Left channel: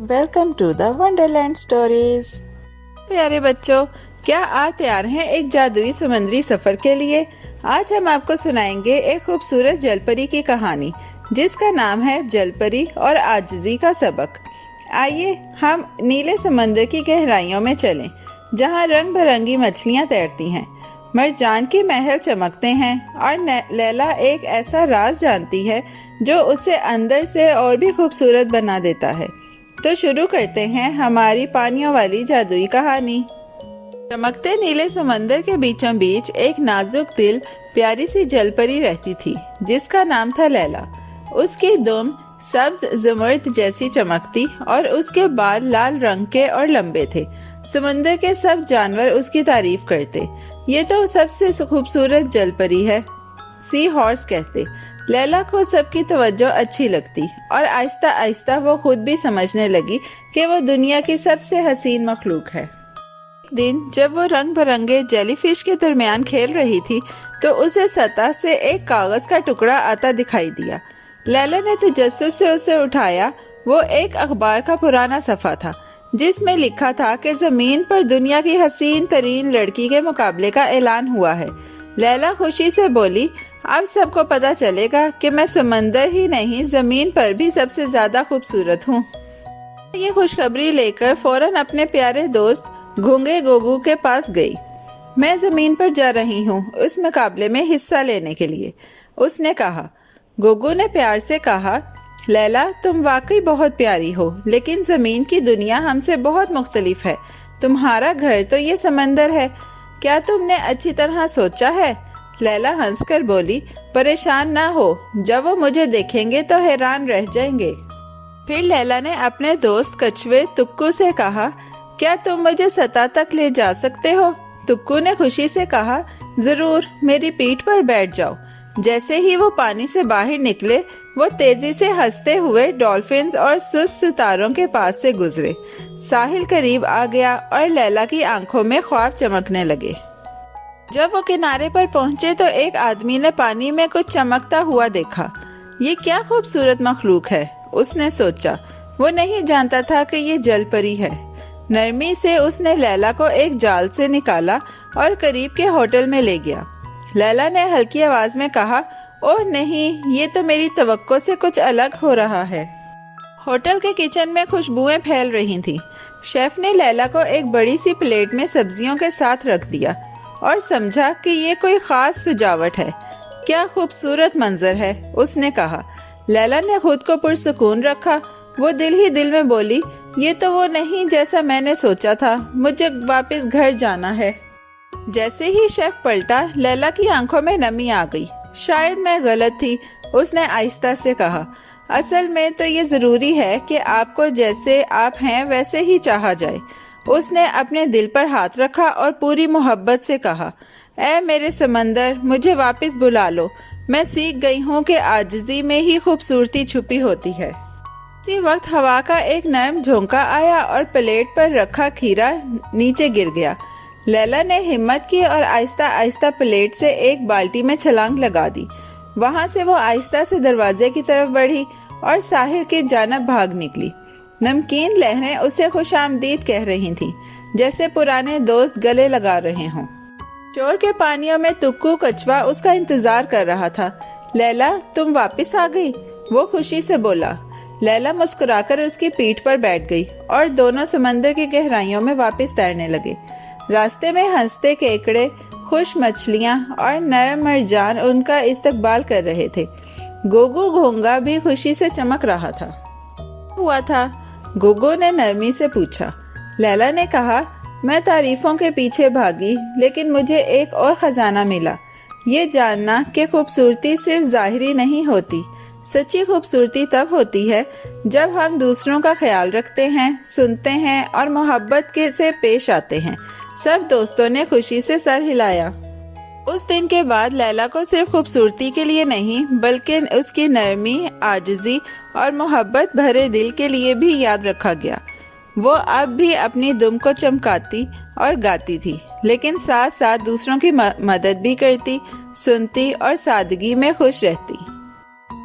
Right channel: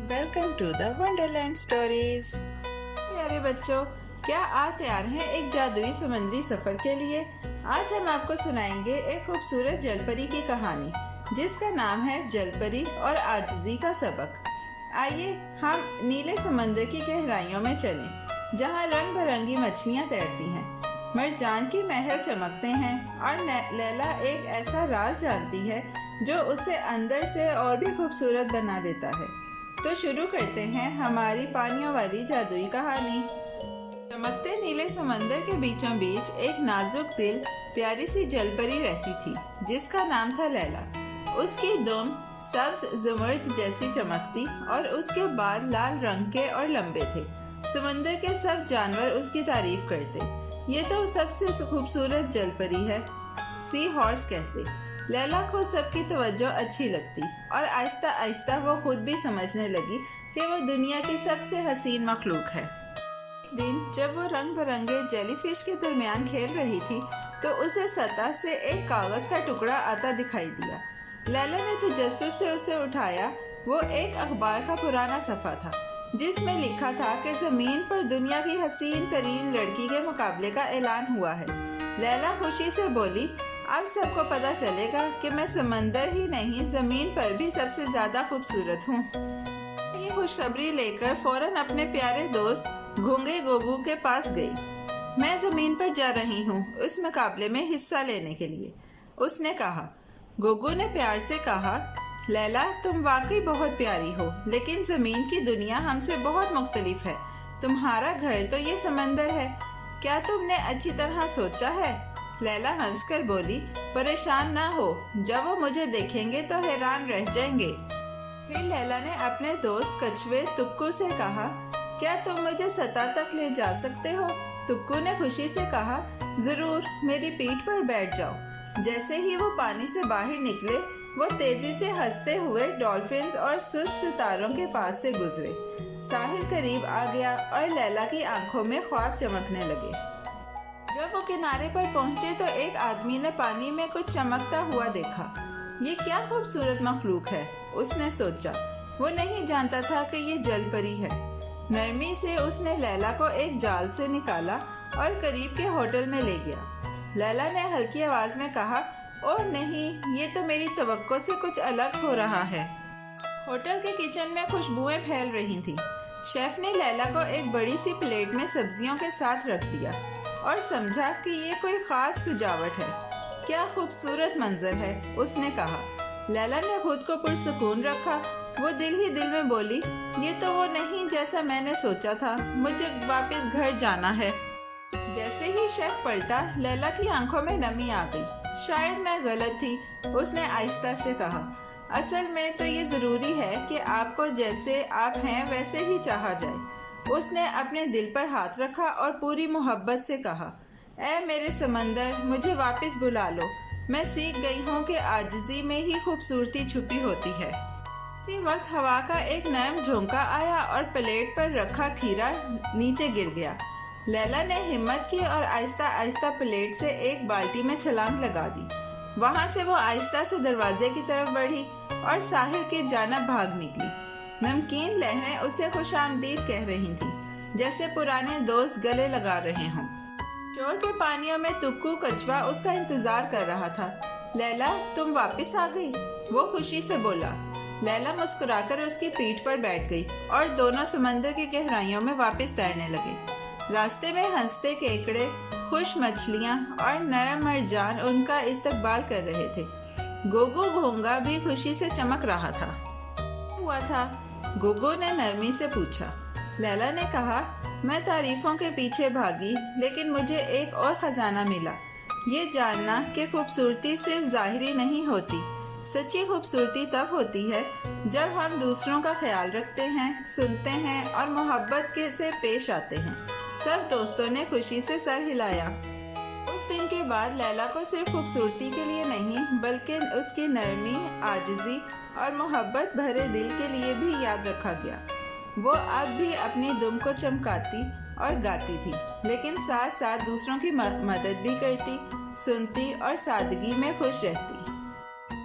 Welcome to the wonderland stories. پیارے بچوں، کیا آپ تیار ہیں ایک جادوئی سمندری سفر کے لیے؟ آج ہم آپ کو سنائیں گے ایک خوبصورت جل پری کی کہانی جس کا نام ہے جل پری اور عاجزی کا سبق۔ آئیے ہم نیلے سمندر کی گہرائیوں میں چلیں جہاں رنگ برنگی مچھلیاں تیرتی ہیں، مرجان کے محل چمکتے ہیں اور لیلا ایک ایسا راز جانتی ہے جو اسے اندر سے اور بھی خوبصورت بنا دیتا ہے۔ تو شروع کرتے ہیں ہماری پانیوں والی جادوئی کہانی۔ چمکتے نیلے سمندر کے بیچوں بیچ ایک نازک دل پیاری سی جل پری رہتی تھی جس کا نام تھا لیلا۔ اس کی دم سبز زمرد جیسی چمکتی اور اس کے بال لال رنگ کے اور لمبے تھے۔ سمندر کے سب جانور اس کی تعریف کرتے، یہ تو سب سے خوبصورت جل پری ہے، سی ہارس کہتے۔ لیلا کو سب کی توجہ اچھی لگتی اور آہستہ آہستہ وہ خود بھی سمجھنے لگی کہ وہ دنیا کی سب سے حسین مخلوق ہے۔ ایک دن جب وہ رنگ برنگے جیلی فش کے درمیان کھیل رہی تھی تو اسے سطح سے ایک کاغذ کا ٹکڑا آتا دکھائی دیا۔ لیلا نے تجسس سے اسے اٹھایا۔ وہ ایک اخبار کا پرانا صفحہ تھا جس میں لکھا تھا کہ زمین پر دنیا کی حسین ترین لڑکی کے مقابلے کا اعلان ہوا ہے۔ لیلا خوشی سے بولی، اب سب کو پتہ چلے گا کہ میں سمندر ہی نہیں زمین پر بھی سب سے زیادہ خوبصورت ہوں۔ یہ خوشخبری لے کر فوراً اپنے پیارے دوست گھونگے گوگو کے پاس گئی۔ میں زمین پر جا رہی ہوں اس مقابلے میں حصہ لینے کے لیے، اس نے کہا۔ گوگو نے پیار سے کہا، لیلا تم واقعی بہت پیاری ہو، لیکن زمین کی دنیا ہم سے بہت مختلف ہے۔ تمہارا گھر تو یہ سمندر ہے، کیا تم نے اچھی طرح سوچا ہے؟ لیلا ہنس کر بولی، پریشان نہ ہو، جب وہ مجھے دیکھیں گے تو حیران رہ جائیں گے۔ پھر لیلا نے اپنے دوست کچھوے تکو سے کہا، کیا تم مجھے سطح تک لے جا سکتے ہو؟ تکو نے خوشی سے کہا، ضرور، میری پیٹھ پر بیٹھ جاؤ۔ جیسے ہی وہ پانی سے باہر نکلے وہ تیزی سے ہنستے ہوئے ڈولفنز اور سست ستاروں کے پاس سے گزرے۔ ساحل قریب آ گیا اور لیلا کی آنکھوں میں خواب چمکنے لگے۔ جب وہ کنارے پر پہنچے تو ایک آدمی نے پانی میں کچھ چمکتا ہوا دیکھا۔ یہ کیا خوبصورت مخلوق ہے، اس نے سوچا۔ وہ نہیں جانتا تھا کہ یہ جل پری ہے۔ نرمی سے اس نے لیلا کو ایک جال سے نکالا اور قریب کے ہوٹل میں لے گیا۔ لیلا نے ہلکی آواز میں کہا، اوہ نہیں، یہ تو میری توقع سے کچھ الگ ہو رہا ہے۔ ہوٹل کے کچن میں خوشبوئیں پھیل رہی تھیں۔ شیف نے لیلا کو ایک بڑی سی پلیٹ میں سبزیوں کے ساتھ رکھ دیا اور سمجھا کہ یہ کوئی خاص سجاوٹ ہے۔ کیا خوبصورت منظر ہے، اس نے کہا۔ لیلا نے خود کو پرسکون رکھا۔ وہ دل ہی دل میں بولی، یہ تو وہ نہیں جیسا میں نے سوچا تھا، مجھے واپس گھر جانا ہے۔ جیسے ہی شیف پلٹا لیلا کی آنکھوں میں نمی آ گئی۔ شاید میں غلط تھی، اس نے آہستہ سے کہا۔ اصل میں تو یہ ضروری ہے کہ آپ کو جیسے آپ ہیں ویسے ہی چاہا جائے۔ اس نے اپنے دل پر ہاتھ رکھا اور پوری محبت سے کہا، اے میرے سمندر، مجھے واپس بلا لو۔ میں سیکھ گئی ہوں کہ عاجزی میں ہی خوبصورتی چھپی ہوتی ہے۔ اسی وقت ہوا کا ایک نرم جھونکا آیا اور پلیٹ پر رکھا کھیرا نیچے گر گیا۔ لیلا نے ہمت کی اور آہستہ آہستہ پلیٹ سے ایک بالٹی میں چھلانگ لگا دی۔ وہاں سے وہ آہستہ سے دروازے کی طرف بڑھی اور ساحل کی جانب بھاگ نکلی۔ نمکین لہریں اسے خوش آمدید کہہ رہی تھیں، جیسے پرانے دوست گلے لگا رہے ہوں۔ شور کے پانیوں میں تکو کچھوا اس کا انتظار کر رہا تھا۔ لیلا تم واپس آ گئی، وہ خوشی سے بولا۔ لیلا مسکرا کر اس کی پیٹھ پر بیٹھ گئی اور دونوں سمندر کی گہرائیوں میں واپس تیرنے لگے۔ راستے میں ہنستے کیکڑے، خوش مچھلیاں اور نرم مرجان ان کا استقبال کر رہے تھے۔ گوگو گھونگا بھی خوشی سے چمک رہا تھا۔ ہوا تھا؟ گوگو نے نرمی سے پوچھا۔ لیلا نے کہا، میں تعریفوں کے پیچھے بھاگی لیکن مجھے ایک اور خزانہ ملا، یہ جاننا کہ خوبصورتی صرف ظاہری نہیں ہوتی۔ سچی خوبصورتی تب ہوتی ہے جب ہم دوسروں کا خیال رکھتے ہیں، سنتے ہیں اور محبت سے پیش آتے ہیں۔ سب دوستوں نے خوشی سے سر ہلایا۔ اس دن کے بعد لیلا کو صرف خوبصورتی کے لیے نہیں بلکہ اس کی نرمی، عاجزی اور محبت بھرے دل کے لیے بھی یاد رکھا گیا۔ وہ اب بھی اپنی دم کو چمکاتی اور گاتی تھی، لیکن ساتھ ساتھ دوسروں کی مدد بھی کرتی، سنتی اور سادگی میں خوش رہتی۔